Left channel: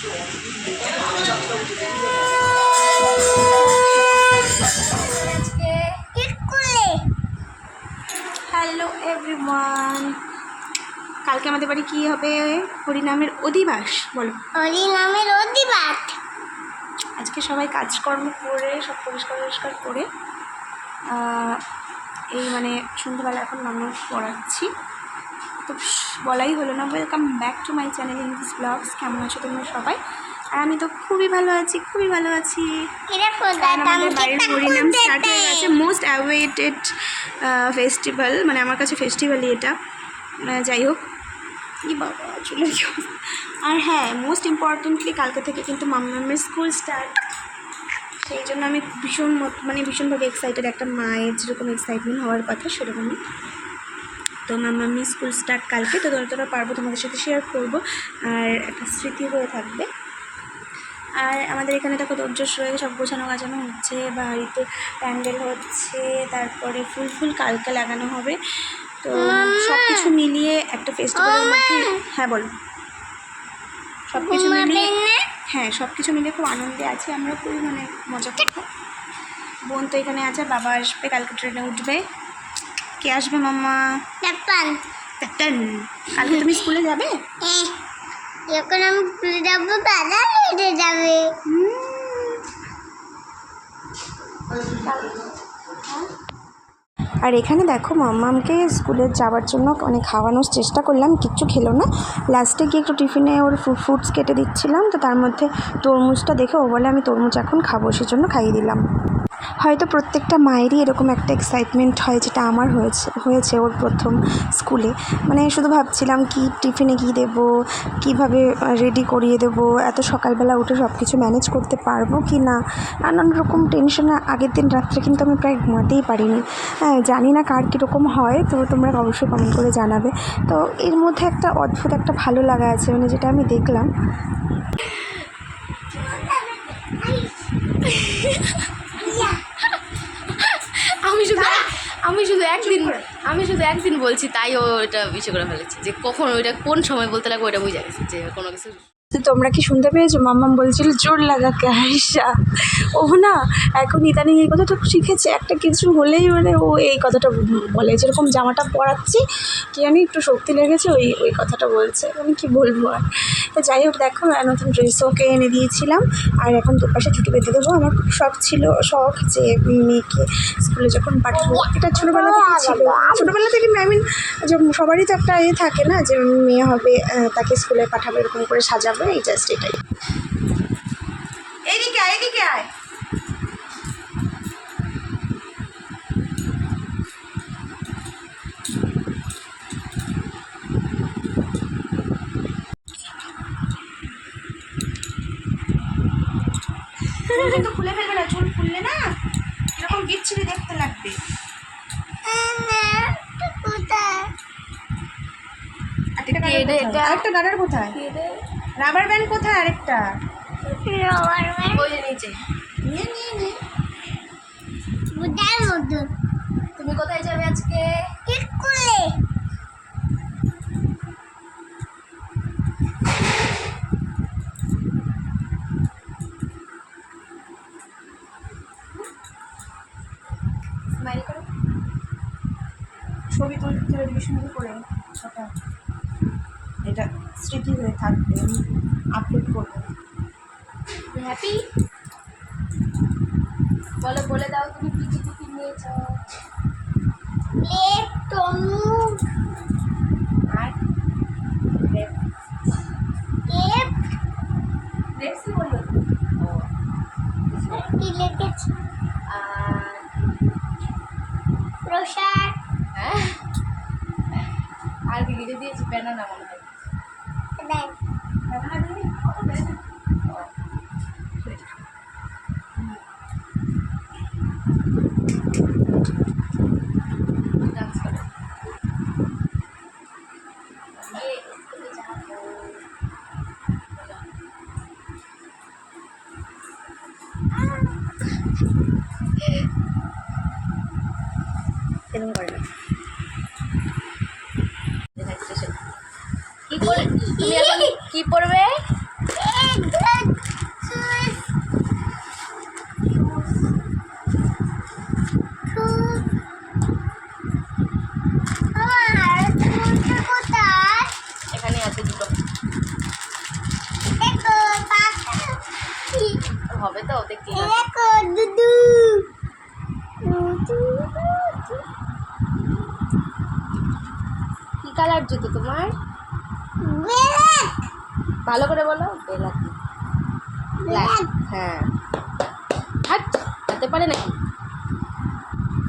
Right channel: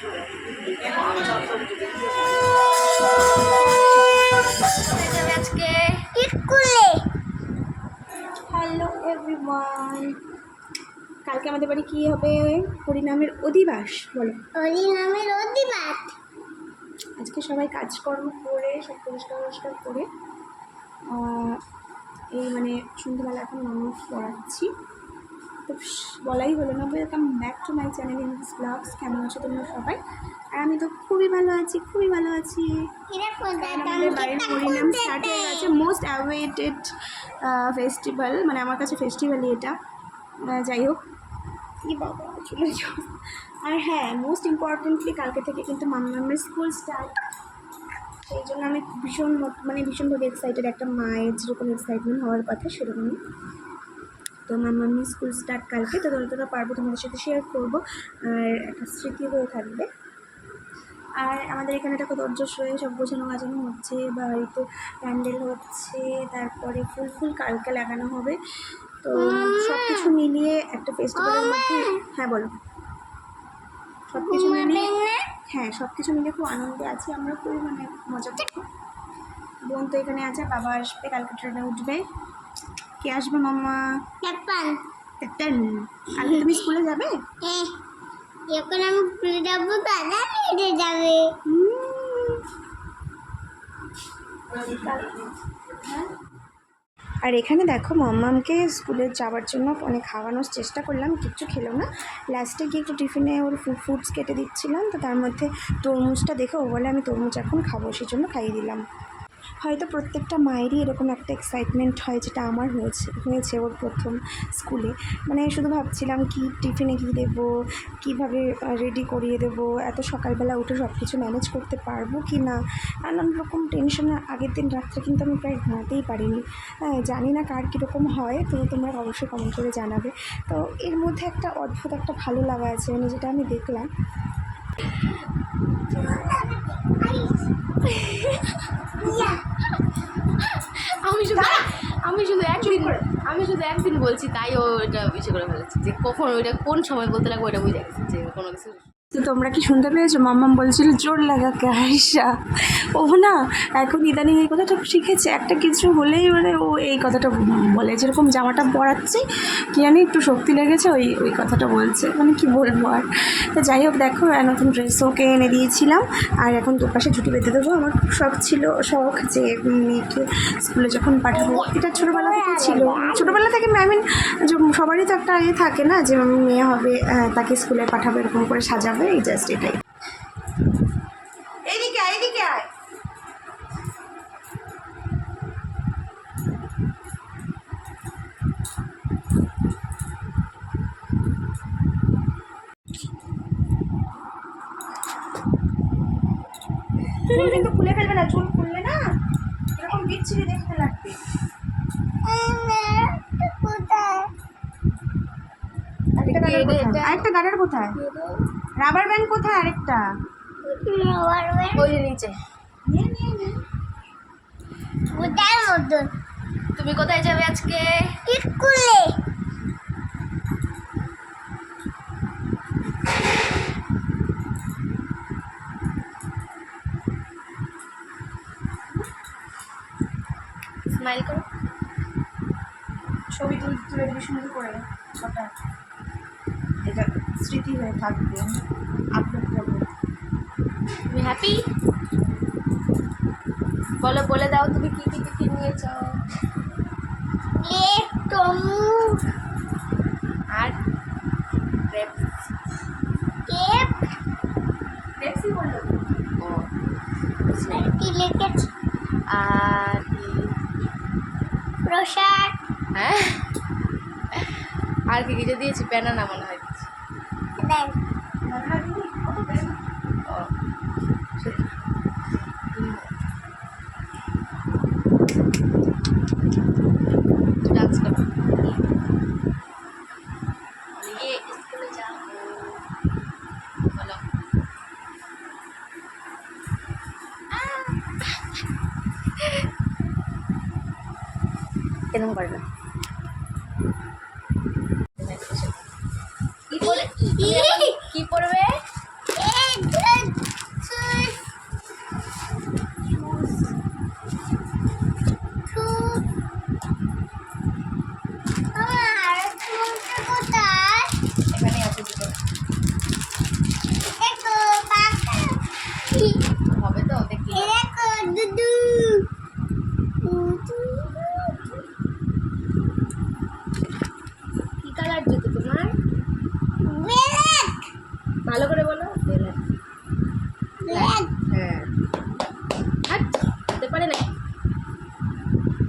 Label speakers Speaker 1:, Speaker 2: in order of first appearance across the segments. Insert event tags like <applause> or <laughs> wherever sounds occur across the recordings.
Speaker 1: Hello everyone কালকে আমাদের বাড়ি কী হবে? হরিনামের অধিবাস বলো।
Speaker 2: হরি নামের অধিবাস।
Speaker 1: আজকে সবাই কাজকর্ম করে সব পরিষ্কার পরিষ্কার করে এই মানে সন্ধ্যেবেলা এখন মানুষ পড়াচ্ছি। তো বলাই হলো না। Welcome back to my channel English blogs কেমন আছো তোমরা সবাই? আর আমি তো খুবই ভালো আছি খুবই ভালো আছি। আমাদের বাড়ির স্টার্ট হয়ে গেছে। মোস্ট অ্যাওয়েটেড ফেস্টিভ্যাল মানে আমার কাছে ফেস্টিভ্যালই এটা। যাই হোক। কি বাবা চলে আর হ্যাঁ মোস্ট ইম্পর্টেন্টলি কালকে থেকে কিন্তু মামামের স্কুল স্টার্ট সেই জন্য আমি ভীষণ মত- মানে ভীষণভাবে এক্সাইটেড একটা মায়ের যেরকম এক্সাইটমেন্ট হওয়ার কথা সেরকমই। তো মামামি স্কুল স্টার্ট কালকে তো যতটা পারব তোমাদের সাথে শেয়ার করব। আর একটা স্মৃতি হয়ে থাকবে। আর আমাদের এখানে দেখো দর্জস রয়ে সব গোছানো গাছানো হচ্ছে বাড়িতে প্যান্ডেল হচ্ছে তারপরে ফুল ফুল কালকে লাগানো হবে। তো সব কিছু মিলিয়ে একটা ফেস্টিভ্যালের মধ্যে হ্যাঁ বলো। সব কিছু মিলিয়ে হ্যাঁ সব কিছু মিলিয়ে খুব আনন্দে আছি। আমরা খুবই মানে মজা করব। বোন তো এখানে আছে বাবা আসবে কালকে ট্রেনে উঠবে। কে আসবে মাম্মা? টান কালকে তুমি স্কুলে যাবে?
Speaker 2: হ্যাঁ যখন আমি স্কুলে যাব দাদা লেটে যাবে।
Speaker 1: আর এখানে দেখো মাম্মামকে স্কুলে যাওয়ার জন্য অনেক খাওয়ানোর চেষ্টা করলাম কিচ্ছু খেলো না। লাস্টে গিয়ে একটু টিফিনে ওর ফ্রুটস কেটে দিচ্ছিলাম তো তার মধ্যে তরমুজটা দেখে ও বলে আমি তরমুজ এখন খাব সেই জন্য খাইয়ে দিলাম। হয়তো প্রত্যেকটা মায়েরই এরকম একটা এক্সাইটমেন্ট হয় যেটা আমার হয়েছে হয়েছে ওর প্রথম স্কুলে মানে শুধু ভাবছিলাম কি টিফিনে কী দেবো, কীভাবে রেডি করিয়ে দেবো, এত সকালবেলা উঠে সব কিছু ম্যানেজ করতে পারব কি না? নানান রকম টেনশনে আগের দিন রাত্রে কিন্তু আমি প্রায় ঘুমাতেই পারিনি। হ্যাঁ জানি না কার কীরকম হয়, তো তোমরা অবশ্যই কমেন্ট করে জানাবে। তো এর মধ্যে একটা অদ্ভুত একটা ভালো লাগা আছে মানে যেটা আমি দেখলাম। <laughs>
Speaker 3: আমি শুধু আমি শুধু একদিন আমি শুধু একদিন বলছি তাই ও ওটা ইসে করে ফেলেছি যে কখন ওইটা কোন সময় বলতে লাগবে ওইটা বুঝে গেছে যে কোনো কিছু
Speaker 1: তোমরা কি শুনতে পেয়েছ? মাম্মাম বলছিল, জোর লাগাকে আয়সা ও না, এখন ইদানিং এই কথাটা শিখেছে। একটা কিছু হলেই মানে ও এই কথাটা বলে। যেরকম জামাটা পরাচ্ছি, কি জানি একটু শক্তি লেগেছে, ওই ওই কথাটা বলছে। মানে কি বলব আর? তো যাই হোক, দেখো নতুন ড্রেস ওকে এনে দিয়েছিলাম। আর এখন দুপাশে ছুটি পেতে দেবো। আমার খুব শখ ছিল, শখ যে মেয়েকে স্কুলে যখন পাঠাবো। এটা ছোটোবেলা থেকে ছিল। ছোটোবেলা থেকে আই মিন সবারই তো একটা ইয়ে থাকে না, যে মেয়ে হবে তাকে স্কুলে পাঠাবো, এরকম করে সাজাবো। এই জাস্ট এটাই। এইদিকে আয় এইদিকে আয়। চুল কিন্তু খুলে ফেলবে না চুল খুললে না এরকম বিচ্ছিরি দেখতে লাগবে। আরেকটা গার্ডার কোথায়? আরেকটা গার্ডার কোথায়? রাবার ব্যান্ড কোথায় আরেকটা?
Speaker 2: রবার ব্যান্ড
Speaker 3: ওই যে নিচে।
Speaker 1: নিয়ে নিয়ে নিয়ে।
Speaker 2: কোথায় মতন।
Speaker 3: তুমি কোথায় যাবে আজকে?
Speaker 2: স্কুলে।
Speaker 3: স্মাইল করো।
Speaker 1: ছবি তুলতে তুলে দিবি সুন্দর করে ওটা এটা স্মৃতি হয়ে থাকবে আমি আপলোড করব।
Speaker 3: তুমি হ্যাপি বলো বলে দাও তুমি কি কি টিফিন নিয়েছ? আর বলল
Speaker 2: কি
Speaker 3: আর
Speaker 2: প্রসাদ।
Speaker 3: হ্যাঁ। আর কি কিছু দিয়েছি ব্যানানা মনে হয়। বলো
Speaker 1: এরকম করে না।
Speaker 3: কি পড়বে কি পড়বে
Speaker 2: এক
Speaker 3: হবে তো দেখতে
Speaker 2: এই দেখো দুদু দুদু
Speaker 3: কি কালার জুতো তোমার
Speaker 2: ব্ল্যাক
Speaker 3: ভালো করে বলো বেলাক
Speaker 2: ব্ল্যাক
Speaker 3: হ্যাঁ হাট হতে নাকি?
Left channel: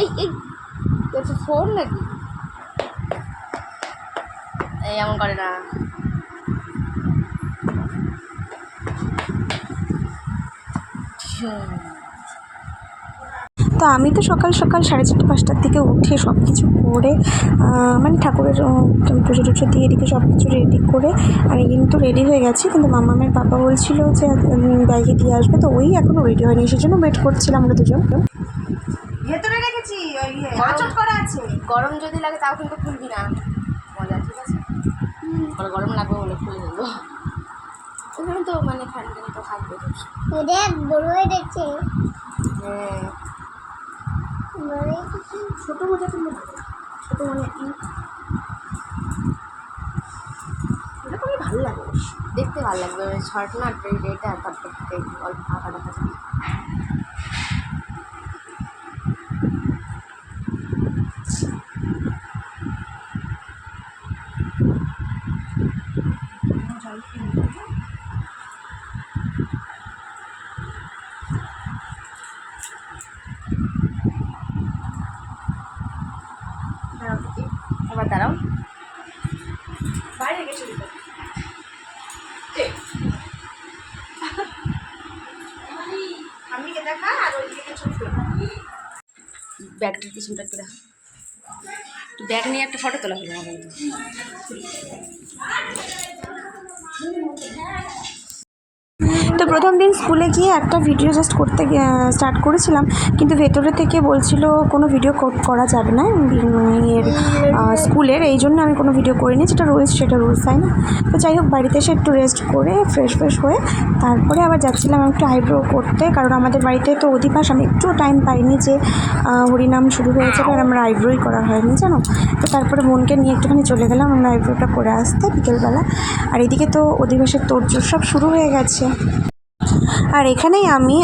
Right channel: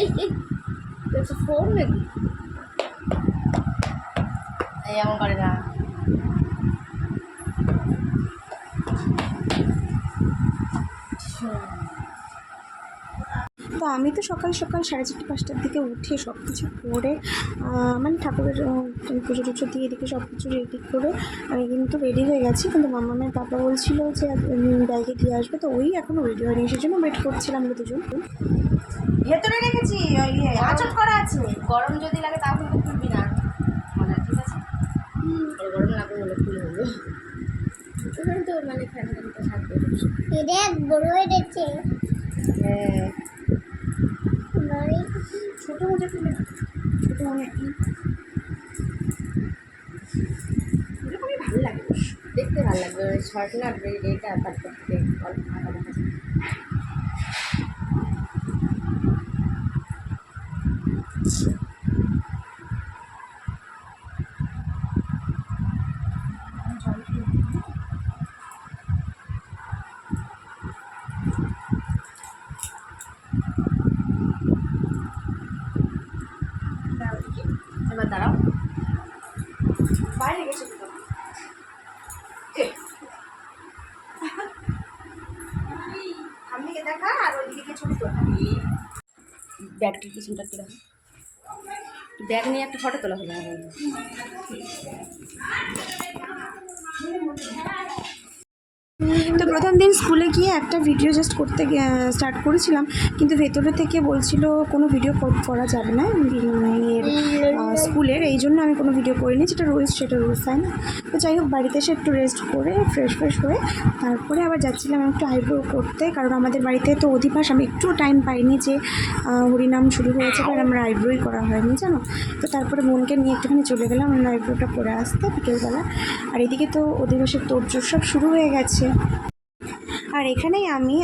Speaker 3: এই এই ফোন নাকি? এই এমন করে না।
Speaker 1: তো আমি তো সকাল সকাল সাড়ে চারটে পাঁচটার দিকে উঠে সব কিছু করে মানে ঠাকুরের পুজো টুজো দিয়ে এদিকে সব কিছু রেডি করে আমি কিন্তু রেডি হয়ে গেছি কিন্তু মামামের বাবা বলছিল যে ব্যাগে দিয়ে আসবে তো ওই এখনও রেডি হয়নি সেই জন্য ওয়েট করছিলাম আমরা দুজন। ভেতরে রেখেছি আচট করা আছে।
Speaker 3: গরম যদি লাগে তাও কিন্তু খুলবি না। মজা ঠিক আছে? গরম লাগবে বলে খুলে দেবো ওখানে তো মানে ফ্যান ট্যান তো থাকবে।
Speaker 2: দেখ বড় হয়ে বড় হয়ে।
Speaker 1: ছোট মোজা কিনে ছোটো মনে ওটা খুবই ভালো লাগে।
Speaker 3: দেখতে ভালো লাগবে শর্ট না এটা তারপর থেকে অল্প ফাঁকা দেখা যায়
Speaker 1: দাঁড়াও দেখি।
Speaker 3: এবার দাঁড়াও
Speaker 1: বাইরে গেছে দুটো সামনে দেখা আর ওইদিকে ছবি তোলা
Speaker 3: ব্যাগটার পিছনটা একটু দেখা। ব্যাগ নিয়ে একটা ফটো তোলা হলো আমার
Speaker 1: তো প্রথম দিন স্কুলে গিয়ে একটা ভিডিও জাস্ট করতে স্টার্ট করেছিলাম, কিন্তু ভেতরে থেকে বলছিল কোনো ভিডিও করা যাবে না। এর স্কুলের এই জন্য আমি কোনো ভিডিও করিনি যেটা রুলস সেটা রুলস তাই না? তো যাই হোক বাড়িতে এসে একটু রেস্ট করে ফ্রেশ ফ্রেশ হয়ে তারপরে আবার যাচ্ছিলাম একটু আইব্রো করতে কারণ আমাদের বাড়িতে তো অধিবাস আমি একটু টাইম পাইনি যে হরিনাম শুরু হয়েছে কারণ আমরা আইব্রোই করা হয়নি জানো? তো তারপরে বোনকে নিয়ে একটুখানি চলে গেলাম আমরা আইব্রোটা করে আসতে বিকেলবেলা। আর এদিকে তো অধিবাসের তোড়জোড় সব শুরু হয়ে গেছে। আর এখানেই আমি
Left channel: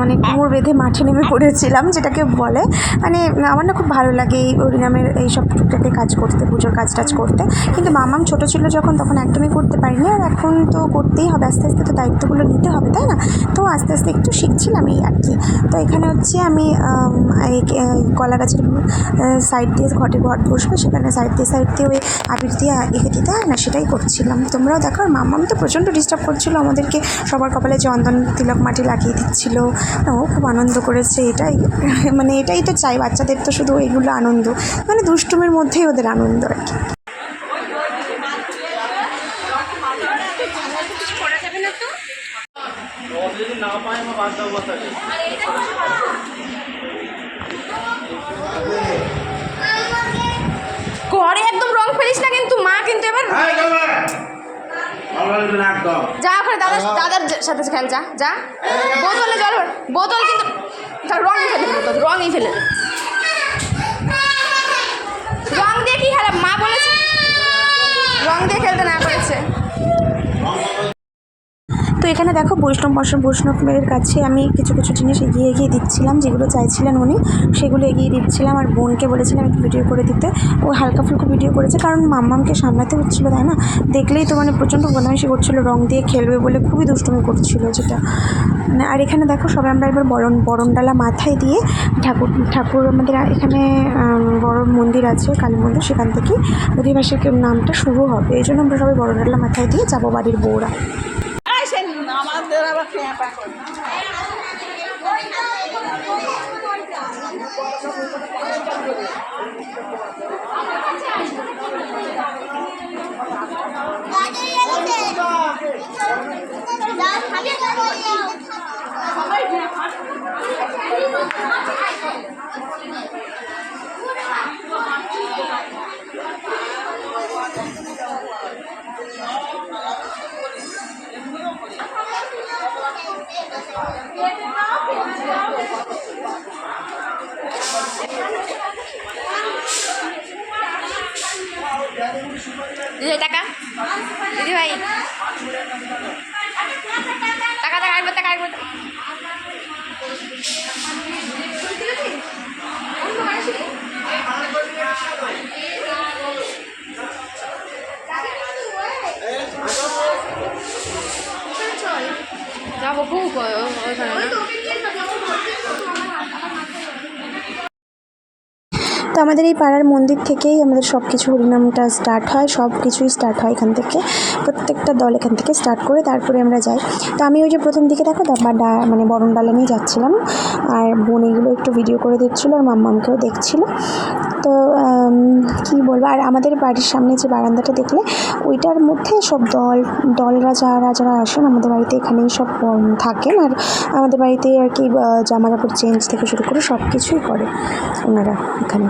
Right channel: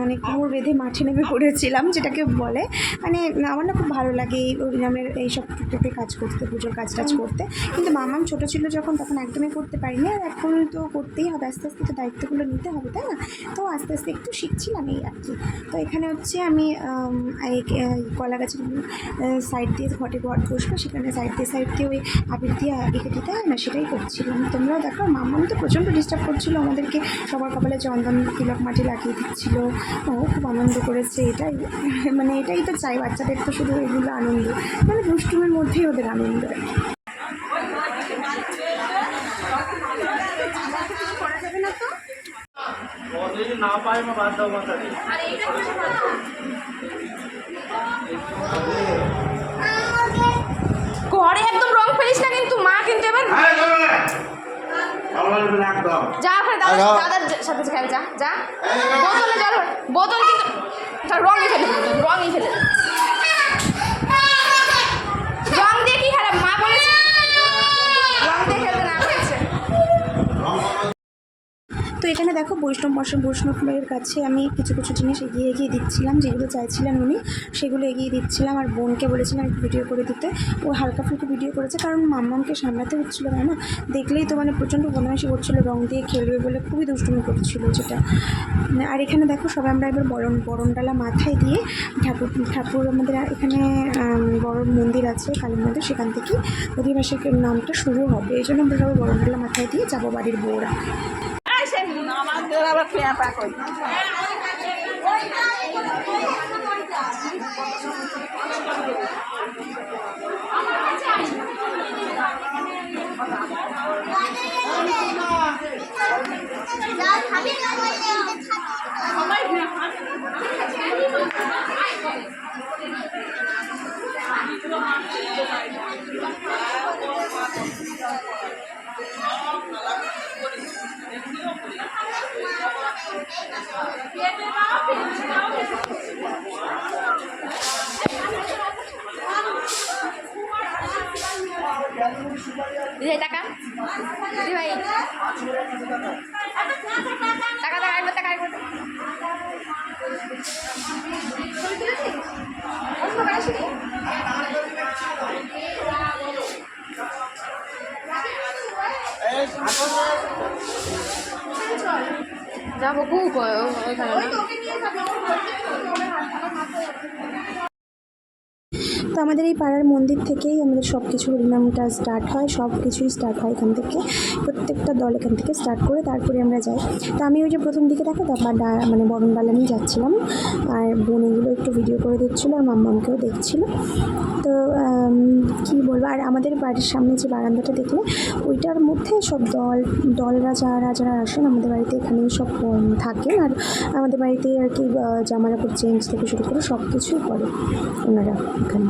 Speaker 1: মানে কোমর বেঁধে মাঠে নেমে পড়েছিলাম, যেটাকে বলে। মানে আমার না খুব ভালো লাগে এই হরিনামের এই সব টুকটাকে কাজ করতে, পুজোর কাজ টাজ করতে। কিন্তু মামাম ছোট ছিল যখন, তখন একদমই করতে পারিনি। আর এখন তো করতেই হবে, আস্তে আস্তে তো দায়িত্বগুলো নিতে হবে, তাই না? তো আস্তে আস্তে একটু শিখছিলাম এই আর কি। তো এখানে হচ্ছে আমি এই কলা গাছের সাইড দিয়ে ঘটে ঘট বসবে, সেখানে সাইড দিয়ে সাইড দিয়ে ওই আবির দিয়ে এঁকে দিতে হয়, না সেটাই করছিলাম। তোমরাও দেখো, আর মামাম তো প্রচণ্ড ডিস্টার্ব করছিল আমাদেরকে। সবার কপালে চন্দন তিলক মাটি লাগিয়ে দিচ্ছিল। ও খুব আনন্দ করেছে এটাই <laughs> মানে এটাই তো চাই বাচ্চাদের তো শুধু এইগুলো আনন্দ। মানে দুষ্টুমের মধ্যেই ওদের আনন্দ আর কি।
Speaker 4: যদি না পায় আমি বাদ দেবো তাকে
Speaker 3: ঘরে একদম রং ফেলিস না কিন্তু মা কিন্তু এবার
Speaker 4: একদম
Speaker 3: যা ওখানে দাদা দাদার সাথে খেল যা যা। বোতলে জল বোতল কিন্তু তার রঙই ফেলে বোতল রঙই ফেলে দেবো রং দিয়ে কি খেলা মা বলেছে রং দিয়ে খেলতে না করেছে
Speaker 1: তো এখানে দেখো, বৈষ্ণব বৈষ্ণব বৈষ্ণবের কাছে আমি কিছু কিছু জিনিস এগিয়ে এগিয়ে দিচ্ছিলাম, যেগুলো চাইছিলেন উনি, সেগুলো এগিয়ে দিচ্ছিলাম আর বোনকে বলেছিলাম একটু ভিডিও করে দিতে। ও হালকা ফুলকো ভিডিও করেছে, কারণ মাম্মামকে সামলাতে হচ্ছিল, তাই না? দেখলেই তো মানে প্রচণ্ড বদমাইশি করছিল, রং দিয়ে খেলবে বলে খুবই দুষ্টুমি করছিল যেটা। মানে আর এখানে দেখো, সবাই আমরা এবার বরণ বরণডালা মাথায় দিয়ে ঠাকুর ঠাকুর আমাদের এখানে বড় মন্দির আছে, কালী মন্দির, সেখান থেকে অধিবাসীর নামটা শুরু হবে। এই জন্য আমরা সবাই বরণডালা মাথায় দিয়ে যাব বাড়ির বউরা।
Speaker 3: Wala ba pinapakod? টাকা দিদি ভাই টাকা টাকা একবার টাকা একবার যাব খুব ওখানে না
Speaker 1: তো আমাদের এই পাড়ার মন্দির থেকেই আমাদের সব কিছু হরিনামটা স্টার্ট হয় সব কিছুই স্টার্ট হয় এখান থেকে। প্রত্যেকটা দল এখান থেকে স্টার্ট করে তারপরে আমরা যাই। তো আমি ওই যে প্রথম দিকে দেখো তারপর ডা মানে বরণ ডালা নিয়ে যাচ্ছিলাম। আর বোন এগুলো একটু ভিডিও করে দিচ্ছিল আর মাম্মামকেও দেখছিল। তো কী বলব? আর আমাদের বাড়ির সামনে যে বারান্দাটা দেখলে, ওইটার মধ্যে সব দল, দলরা যারা যারা আসেন, আমাদের বাড়িতে এখানেই সব থাকেন। আর আমাদের বাড়িতে আর কি জামা কাপড় চেঞ্জ থেকে শুরু করে সব কিছুই করে ওনারা এখানে।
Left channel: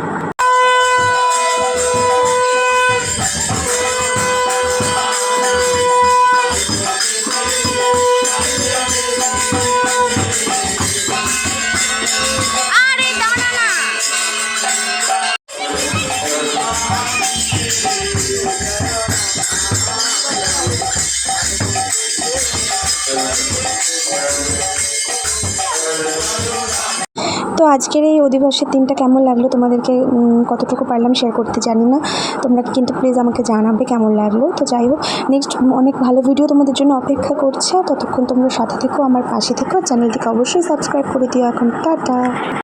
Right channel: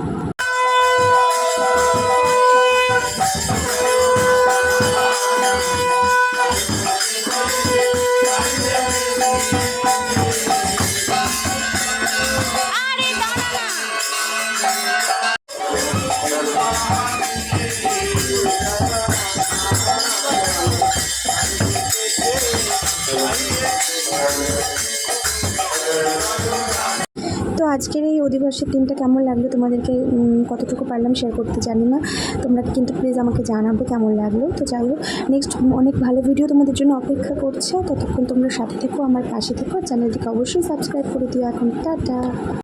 Speaker 1: তো আজকের এই অধিবাসের দিনটা কেমন লাগল? তোমাদেরকে কতটুকু পারলাম শেয়ার করতে জানি না। তোমরা কিন্তু প্লিজ আমাকে জানাবে কেমন লাগল। তো যাই হোক নেক্সট অনেক ভালো ভিডিও তোমাদের জন্য অপেক্ষা করছে। ততক্ষণ তোমরা সাথে থেকো, আমার পাশে থেকো। চ্যানেলটিকে অবশ্যই সাবস্ক্রাইব করে দিও এখন। টাটা!